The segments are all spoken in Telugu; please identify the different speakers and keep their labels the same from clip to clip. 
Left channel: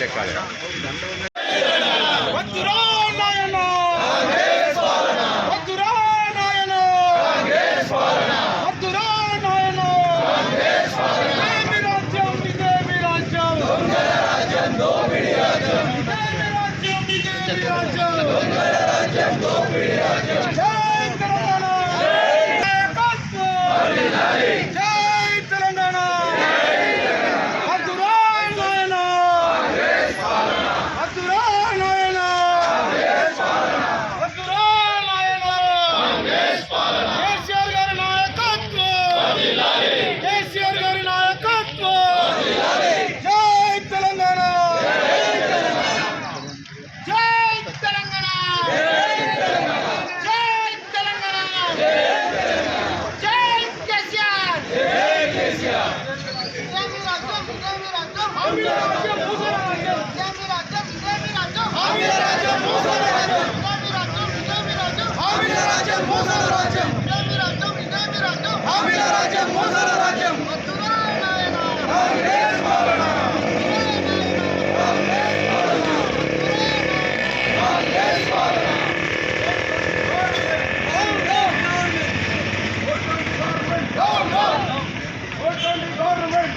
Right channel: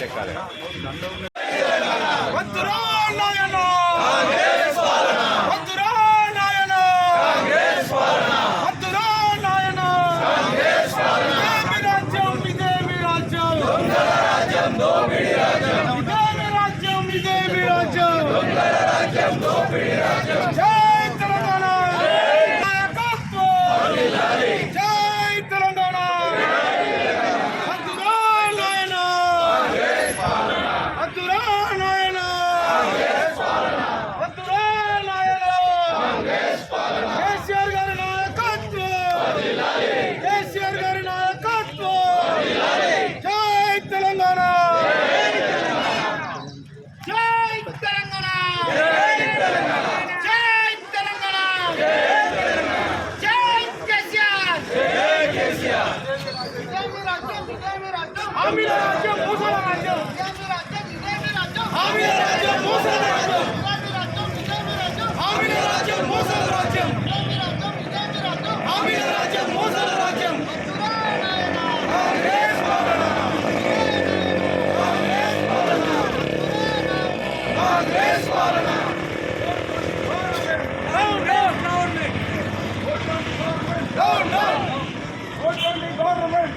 Speaker 1: చెక్కాలి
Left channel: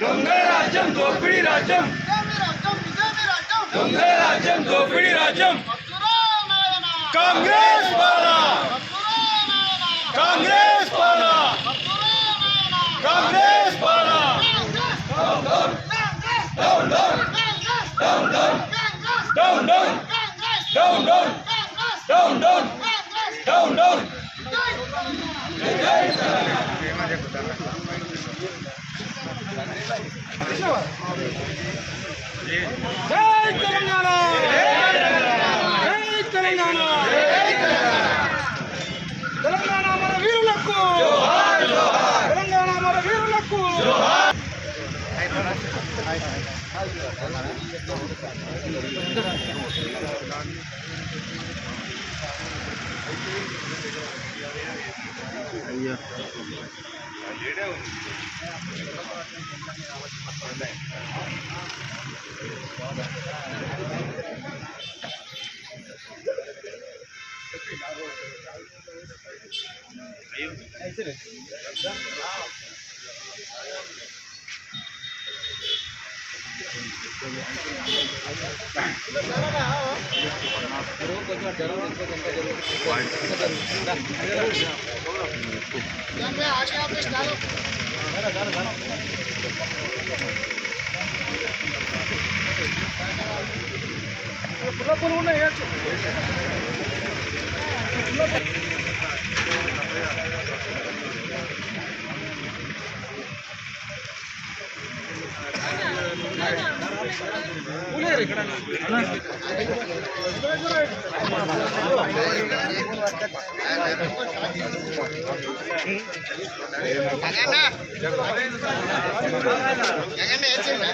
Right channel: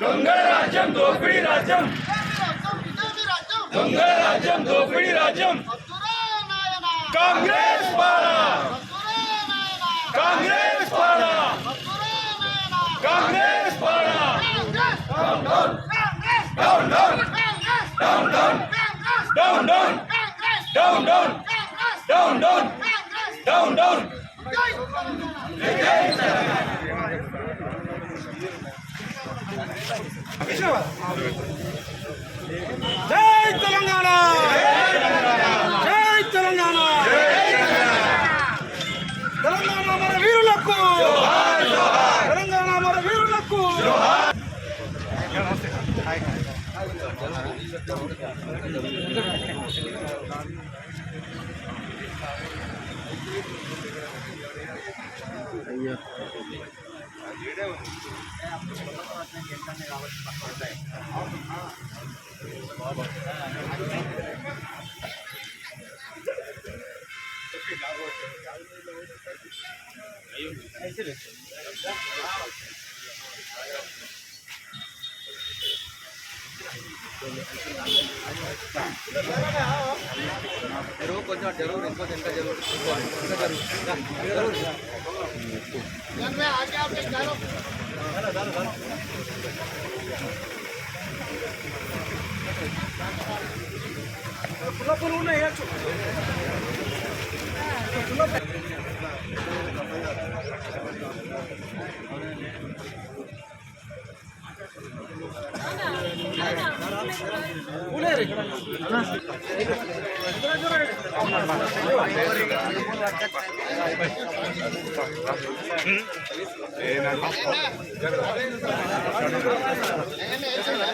Speaker 1: దొంగరాజ్యం దోపిడీ రాజ్యం దొంగరాజ్యం దోపిడీ రాజ్యం కాంగ్రెస్ పాలన కాంగ్రెస్ పాలన కాంగ్రెస్ పాలన down down down down down down down down down down down down down जरूर कुछ और जरूर इनको जनता जरूर जरूर जरूर आगे आप डालो डालो डालो डालो पुल पुल नहीं है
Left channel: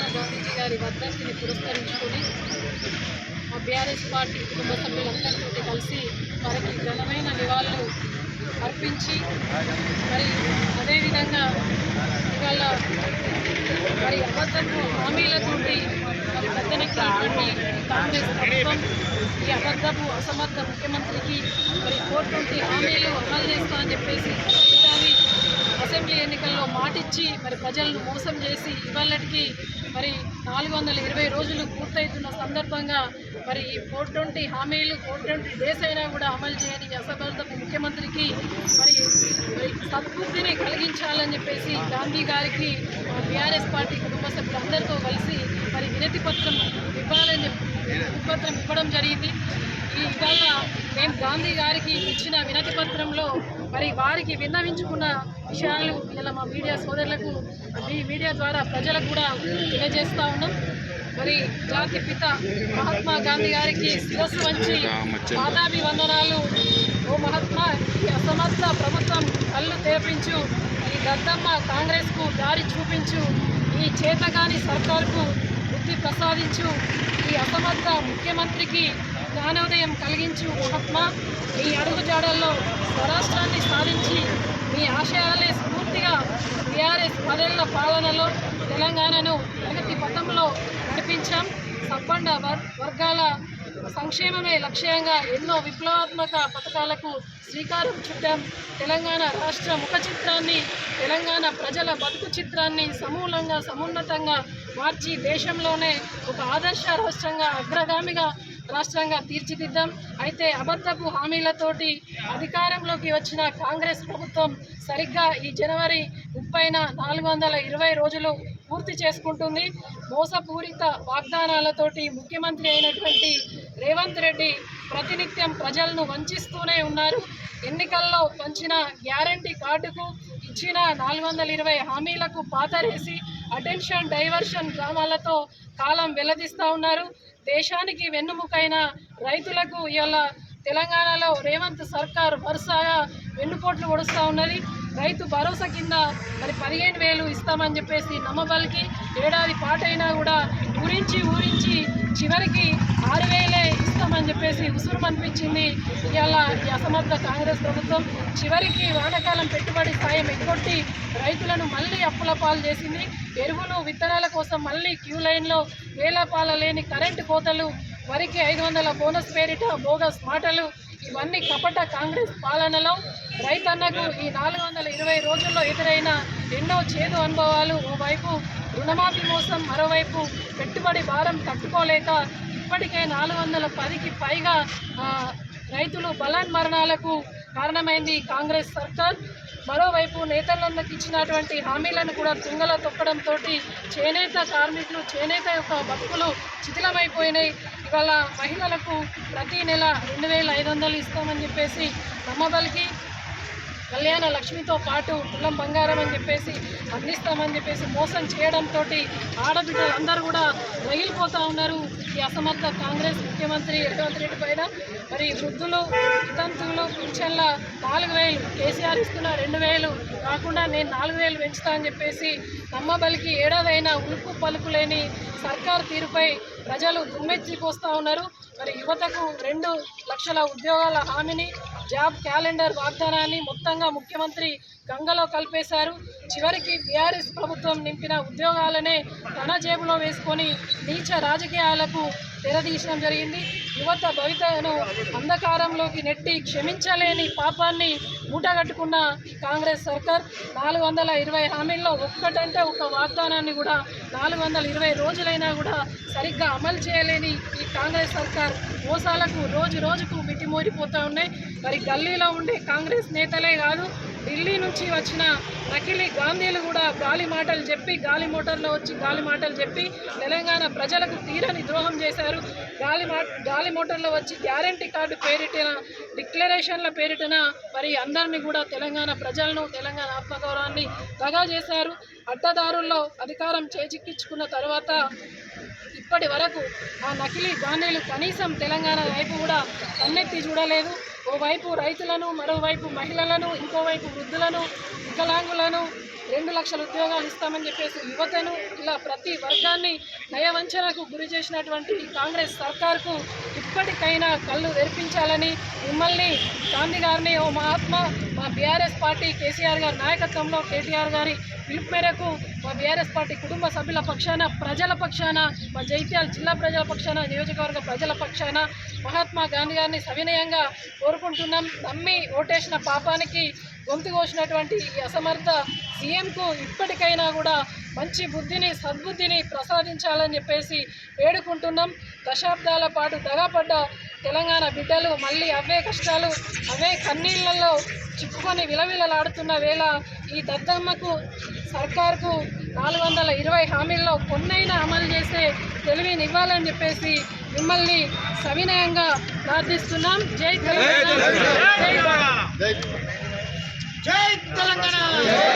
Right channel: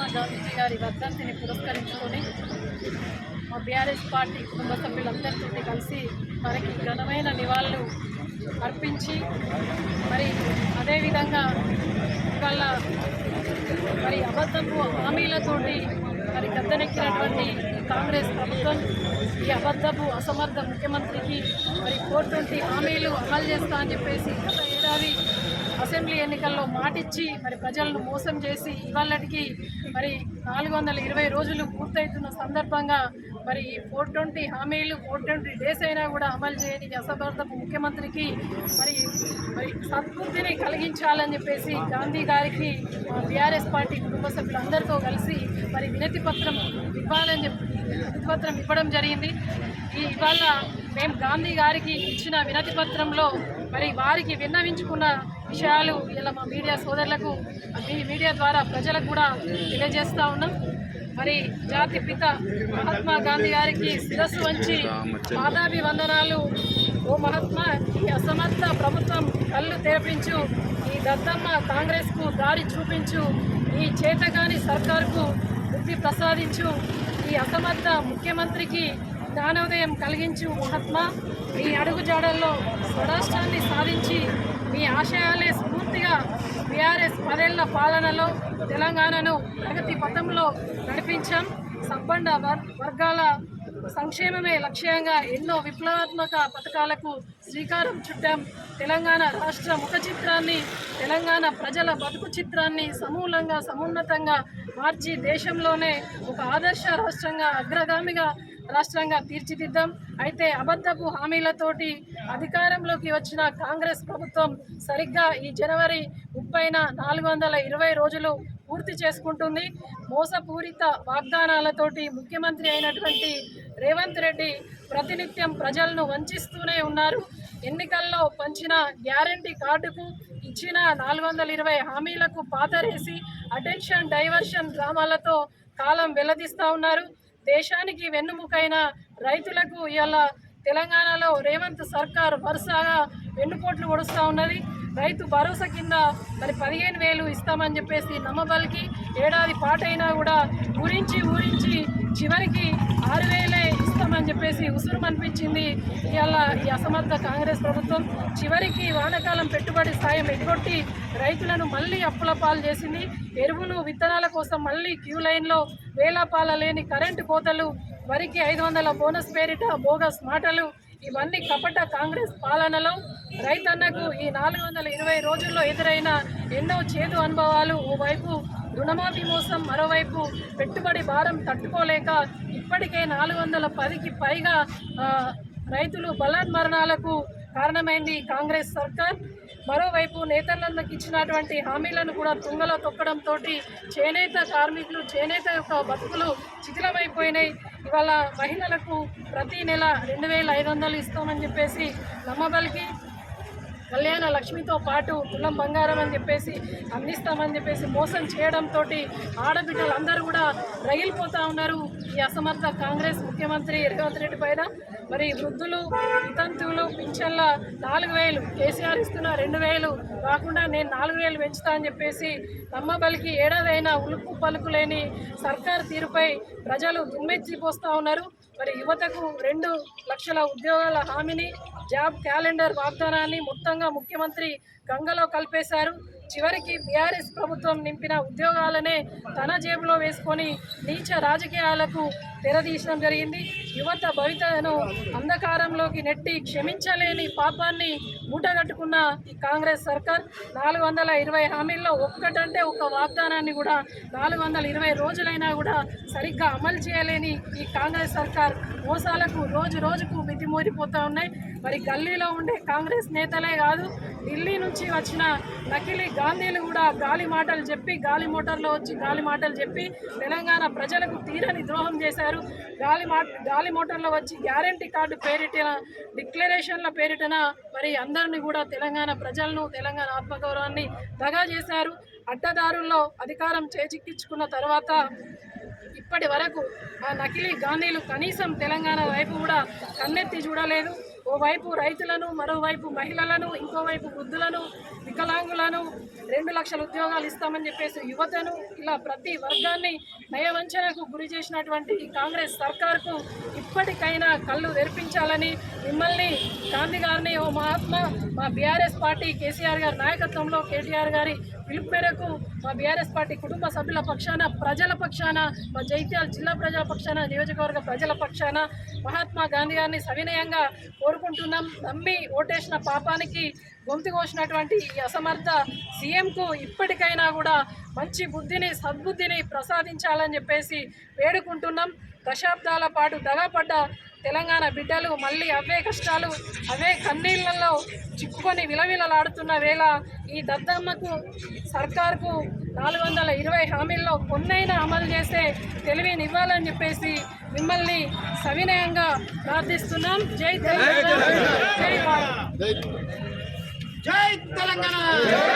Speaker 2: మహాత్మా గాంధీజీ గారి వర్ధంతిని పురస్కరించుకొని మా బీఆర్ఎస్ పార్టీ కుటుంబ సభ్యులందరితో కలిసి వారికి ఘనమైన నివాళులు అర్పించి మరి అదేవిధంగా ఇవాళ మరి అబద్ధపు హామీలతోటి మరి పెద్దనెక్కినటువంటి కాంగ్రెస్ ప్రభుత్వం ఈ అబద్ధపు అసమర్థ ముఖ్యమంత్రికి మరి కోర్టు హామీలు అమలు చేస్తా అని చెప్పేసి గత ఏడాది అసెంబ్లీ ఎన్నికల్లో మాటిచ్చి మరి ప్రజలను మోసం చేసి ఇవాళకి మరి నాలుగు వందల ఇరవై రోజులు పూర్తవుతున్న సందర్భంగా మరి ఈ ఫోర్ ట్వంటీ హామీలు ఫోర్ ట్వంటీ డేస్ అయినా కూడా అమలు చేయని ఈ అసమర్థపు ముఖ్యమంత్రికి మరి మరి సద్బుద్ధిని కలిగించాలని చెప్పేసి గాంధీ గారికి బీఆర్ఎస్ పార్టీ కుటుంబ సభ్యులందరితో కలిసి మరి వినతి పత్రం ఇవ్వాలని చెప్పి వినతి పత్రం ఇవ్వడం జరిగింది. ఈ ఇవాళ మేము గాంధీ గారికి ఇచ్చిన వినతి పత్రంలో మరి వారికి విన్నవించుకున్న విషయాలు ఇలా మా మీడియా సోదరులకు మీ మీడియా ద్వారా ప్రజలకు కూడా తెలియజేస్తూ ఉన్నాం. మరి జాతి పిత మహాత్మా గాంధీ గారికి శిరస్సు వంచి పాదాభివందనాలు. ఓ మహాత్మా ఈ అసమర్థ ప్రభుత్వం కళ్ళు తెరపించు. ఈ గద్దమ్మ కాంగ్రెస్కు దారి చూపించు. ఈ చేతగాని సర్కార్కు బుద్ధి ప్రసాదించు. ఈ అసమర్థ ముఖ్యమంత్రికి జ్ఞానోదయం కలిగించు మహాత్మా. ఈ అడుగుజాడల్లో స్వరాష్ట్రాన్ని సాధించి మీ ఆశయాలే స్ఫూర్తిగా బీఆర్ఎస్ పదేళ్ళ పాలనలో తెలంగాణను ప్రగతి పథంలో నడిపించాం. సబ్బండ వర్ వర్గాల సంక్షేమమే లక్ష్యంగా ఎన్నో విప్లవాత్మక పథకాలకు శ్రీకారం చుట్టాం. తెలంగాణ రాష్ట్ర ముఖ చిత్రాన్ని తెలంగాణ ప్రజల బతుకు చిత్రాన్ని సమూలంగా సమున్నతంగా మార్చి దేశంలోనే ఒక ఆదర్శ రాష్ట్రంగా అగ్రగామిగా రాష్ట్రంగా తీర్చిదిద్దాం. అయితే అబద్ధపు హామీలతోటి అధికారంలోకి వచ్చిన కాంగ్రెస్ ప్రభుత్వం సరిగ్గా ఈ జనవరి ముప్పైన నాలుగు వందల ఇరవై రోజులు పూర్తి చేసుకుంటుంది. మోసపూరిత వాగ్దానాలతోటి ముఖ్యమంత్రి అయినటువంటి రేవంత్ రెడ్డి ప్రతినిత్యం ప్రజలను వంచిస్తూనే ఉన్నారు. ఎన్నికల్లో పంచిన గ్యారంటీ కార్డుకు ఇచ్చిన నాలుగు వందల ఇరవై హామీలకు పాతరేసి అటెన్షన్ డైవర్షన్ డ్రామాలతో కాలం వెల్లదీస్తూ ఉన్నారు. దేశానికి వెన్నుముకైన రైతులకు ఇవాళ తెలంగాణలో రేవంత్ సర్కార్ వరుసగా వెన్నుపోట్లు పొడుస్తూ ఉన్నది. రైతు భరోసా కింద మరి పదిహేను వేలు ఇస్తామని చెప్పేసి నమ్మబలికి ఏడాది పాటైనా కూడా ఊరించి ఊరించి చివరికి ఆరు వేలే అని చెప్పేసి ఉసురు అనిపించింది. ఇవాళ ఈ అసమర్థ కాంగ్రెస్ ప్రభుత్వం చివరికి వానకాలం పెట్టుబడి సాయం ఎగ్గొట్టి రైతులను మళ్ళీ అప్పుల పాలు చేసింది. ఎరువులు విత్తనాల కోసం మళ్ళీ క్యూ లైన్లో వేలపాల లేని కరెంటు కోతలు వరికి ఐదు వందల బోనస్ పేరిట బోగస్ మాటలు ఇవన్నీ కపట కాంగ్రెస్ పాలనలో. రైతన్నకు ఈ నాలుగు వందల ఇరవై రోజుల్లో ఎదురైన ఎన్నో చేదు అనుభవాలు. ఓవైపు రుణమాఫీ మోసం మరోవైపు పెట్టుబడి భారం తట్టుకోలేక ఇప్పటికే నాలుగు వందల పదికి పైగా రైతులు బలాన్మరణాలకు కారణమైంది కాంగ్రెస్ సర్కార్. మరోవైపు నేతలందరికి ఇచ్చినటువంటి హామీలను కూడా తుంగలో తొక్కడంతో చేనేత కార్మికులు చేనేత యొక్క బతుకులు శిథిలమైపోయినాయి. ఇవాళ మహిళలకు ప్రతి నెల రెండు వేల ఐదు వందలు ఇస్తామని చెప్పేసి నమ్మబలికి కళ్యాణ లక్ష్మితో పాటు తులం బంగారం అని చెప్పేసి అందిస్తామని చెప్పేసి మోసం చేయడంతో ఆడబిడ్డలు అందరూ కూడా రగిలిపోతూ ఉన్నారు. ఈ అసమర్థ కాంగ్రెస్ ముఖ్యమంత్రి రేవంత్ రెడ్డి పైన మరి వృద్ధులు వితంతువులు పింఛన్ల నాలుగు వేలు కేసీఆర్ ఇస్తున్న రెండు వేలు కాకుండా నేను నాలుగు వేలు పెంచుతా అని చెప్పేసి నమ్మబలికి ఏడాదైనా ఉలుపు పలుకు లేని సర్కార్ తీరుపై ప్రజలు దుమ్మెత్తిపోస్తూ ఉన్నారు. మరి యువతకు రెండు లక్షల ఉద్యోగాల హామీని జాబ్ క్యాలెండర్ వాగ్దానాన్ని మొత్తంగా ముఖ్యమంత్రి గంగలో కలిపేశారు. చివరికి బీఆర్ఎస్ ప్రభుత్వం నింపిన ఉద్యోగాలనే తన జేబులో వేసుకొని నీచ రాజకీయాలకు తెరదీయడం జరిగింది. యువత భవితను అంధకారంలోకి నెట్టి క్షమించలేని పాపాన్ని మూటగట్టుకున్న ఈ కాంగ్రెస్ సర్కార్ నాలుగు వందల ఇరవై హామీల్లో ఒక్కటంటే ఒక వాగ్దానాన్ని కూడా నాలుగు వందల ఇరవై రోజులైనా కూడా సరిగ్గా అమలు చేయలేని ఈ కాంగ్రెస్ సర్కార్ మోసాలకు రోజు రోజుకు మితిమోరిపోతూ ఉన్నాయి. మరి గల్లీలో ఉండే కాంగ్రెస్ నేతలే కాదు ఢిల్లీ నుంచి వచ్చిన నకిలీ గాంధీలు కూడా గాలి మాటలు చెప్పి గాలి మోటార్లో వచ్చి గాలి మాటలు చెప్పి తెలంగాణ ప్రజలకు తీరని ద్రోహం చేశారు. గాలి మా గాలి మోటార్లో వచ్చి గ్యారంటీ కార్డు పేరిటిన డిక్లరేషన్ల పేరిటన మరి అందరినీ కూడా తెలంగాణ ప్రజలను తెలంగాణ ఆత్మగౌరవాన్ని దగా చేశారు. అడ్డదారుల్లో అధికారం చేజిక్కించుకున్న తర్వాత ఇప్పటి వరకు ఆ నకిలీ గాంధీలు కనీసం తెలంగాణ వైపు కూడా కన్నెత్తి చూడలేదు. ఓవైపు రైతులను మరోవైపు మహిళలను ఇంకోవైపు వృద్ధులను వికలాంగులను రెండు లక్షల ఉద్యోగాలు ఇస్తామని చెప్పేసి యువతను ఇలా ప్రతి వర్గాన్ని నయవంచనకు గురి చేసినటువంటి కాంగ్రెస్ సర్కార్కు ఇప్పటికైనా కళ్ళు తెరిపించాలని మిమ్మల్ని గాంధీ గారిని ఓ మహాత్మా మా బీఆర్ఎస్ పార్టీ కేసీఆర్ గారి నాయకత్వంలో కేటీఆర్ గారి పిలుపు మేరకు మా బీఆర్ఎస్ పార్టీ కుటుంబ సభ్యుల పక్షాన ప్రజల పక్షాన మా జైత్యాల జిల్లా ప్రజల పక్షాన నియోజకవర్గ ప్రజల పక్షాన మహాత్మా గాంధీ గారిని సవినయంగా కోరుకుంటున్నాం. నమ్మి ఓటేసిన పాపానికి గొంతు కోసినటువంటి ఈ అసమర్థ సీఎంకు ఇప్పటికైనా కూడా మంచి బుద్ధిని సద్బుద్ధిని ప్రసాదించాలని చెప్పేసి వేడుకుంటున్నాం. దశాబ్దాల పాటు దగాపడ్డ తెలంగాణ బిడ్డలు మళ్ళీ అవే కష్టాలు అవే కన్నీళ్ళలో చిక్కుకొని విలవిలలాడుతున్న వేళ ఈ దద్దమ్మకు సర్కార్కు నాలుగు వందల ఇరవై హామీల్లో కొన్నైనా అమలు చేసే తెలివినివ్వాలని చెప్పేసి మిమ్మల్ని సవినయంగా ప్రార్థిస్తున్నాం. జై తెలంగాణ. జై
Speaker 1: తెలంగాణ. జై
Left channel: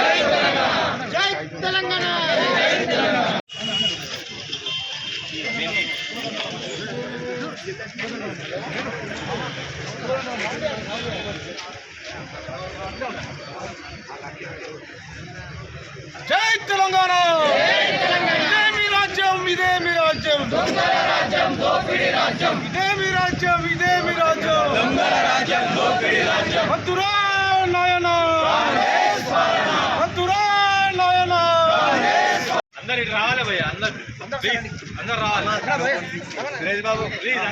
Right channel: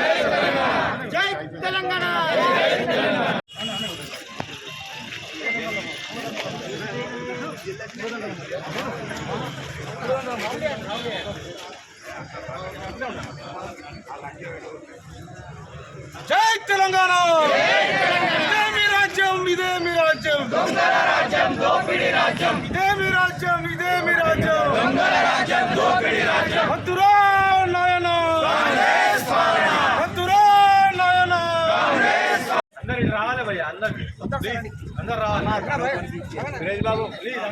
Speaker 1: తెలంగాణ. జై తెలంగాణ! ఇదే మీ రాజ్యం ఇదే మీ రాజ్యం. ఇదే మీ రాజ్యం ఇదే మీ రాజ్యం. వద్దురా
Speaker 3: ప్లీజ్ బాబు ప్లీజ్